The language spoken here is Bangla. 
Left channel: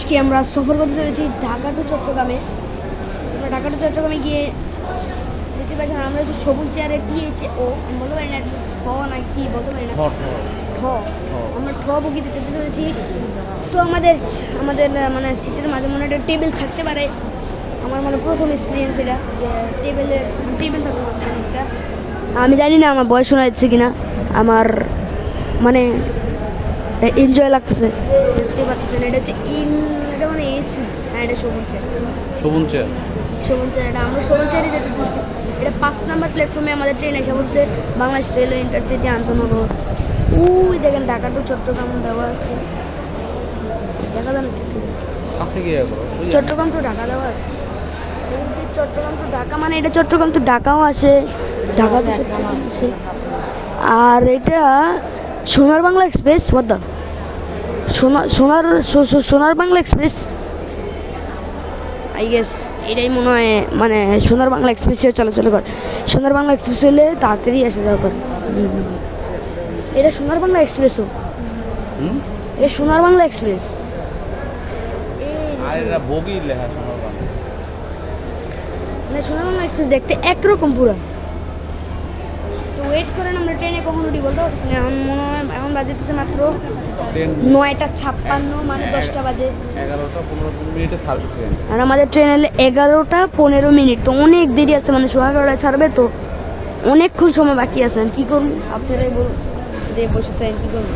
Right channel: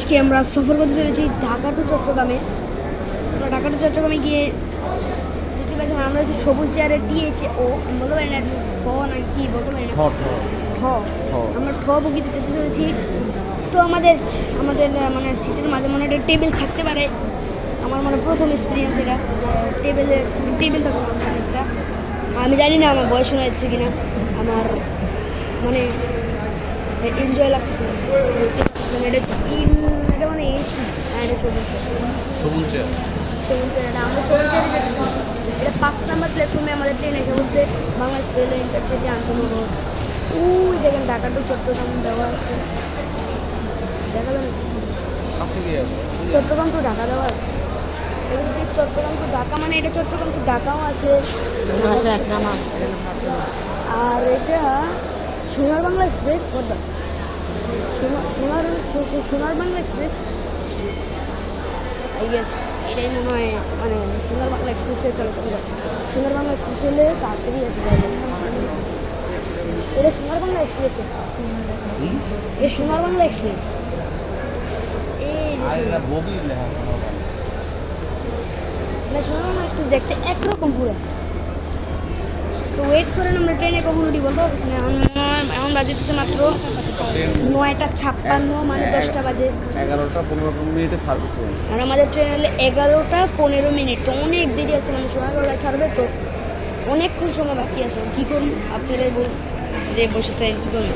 আজকে আমরা সফর করতে চলেছি ঢাকা টু চট্টগ্রামে। আমরা ঢাকা টু চট্টগ্রামে গিয়ে বুঝতে পারছি আমরা হচ্ছে সবুজ চেয়ারে টিএইচ ও আমি বলতে পারি না ঠ না কি বলতে পারি না ঠ আমরা ঠ বগিতে যেতে চলেছি। তো আমাদের আমাদের মানে সিটের মাঝে মনে একটা টেবিল থাকতে পারে। আমার মানে প্রথম এক্সপিরিয়েন্স এটা, টেবিল থাকবে মাঝখানে একটা। আমি জানি না আমার বয়স শোনা যাচ্ছে কিনা, আমার মানে এনজয় লাগতেছে, দেখতে পাচ্ছেন। এটা হচ্ছে এটা মানে এসি। হ্যাঁ, এটা সবুজ চেয়ার এটা আমরা সবুজ চেয়ারে যেতে চলছি। এটা 5 নম্বর প্ল্যাটফর্মে আমাদের ট্রেন এসে বলছে বাংলাদেশ রেল ইন্টারসিটি আন্তনগর। ওই দেখেন ঢাকা টু চট্টগ্রাম দেওয়া আছে, দেখা যাবে চট্টগ্রাম টু ঢাকা দেওয়া আছে। চট্টগ্রাম টু ঢাকা মানে এটা চট্টগ্রাম টু ঢাকাও আসে, ঢাকা আসে। আর এটা সোনার বাংলা এক্সপ্রেস, সোনার বাংলা এক্সপ্রেস আই গেস এটাই মনে হয়, মানে সোনার বাংলা এক্সপ্রেসে চলাচল করে। সোনার বাংলা এক্সপ্রেস হলে তাড়াতাড়ি আসে যাবে। এটা সোনার বাংলা এক্সপ্রেসও, এটা সোনার বাংলা এক্সপ্রেস। মানে সোনার বাংলা এক্সপ্রেস দেখতে একরকম পুরো। তো ওয়েট করেন, আমরা ট্রেনে কখন উঠি বলতে পারছি না। এখন মনে হয় এখন বাজেতেছে মাত্র 9:56, মানে 10টা বাজে। 11টা-15 মিনিটে ছাড়বে ট্রেন। আর আমাদের ট্রেন এলে 11টা-15 মিনিট, তো অনেক দেরি আছে, মানে 11:30টায় ছাড়বে, তো অনেকক্ষণ সময় বাকি আছে। কী করুন আপনারাই বলুন, যে বসে তাই কী করুন।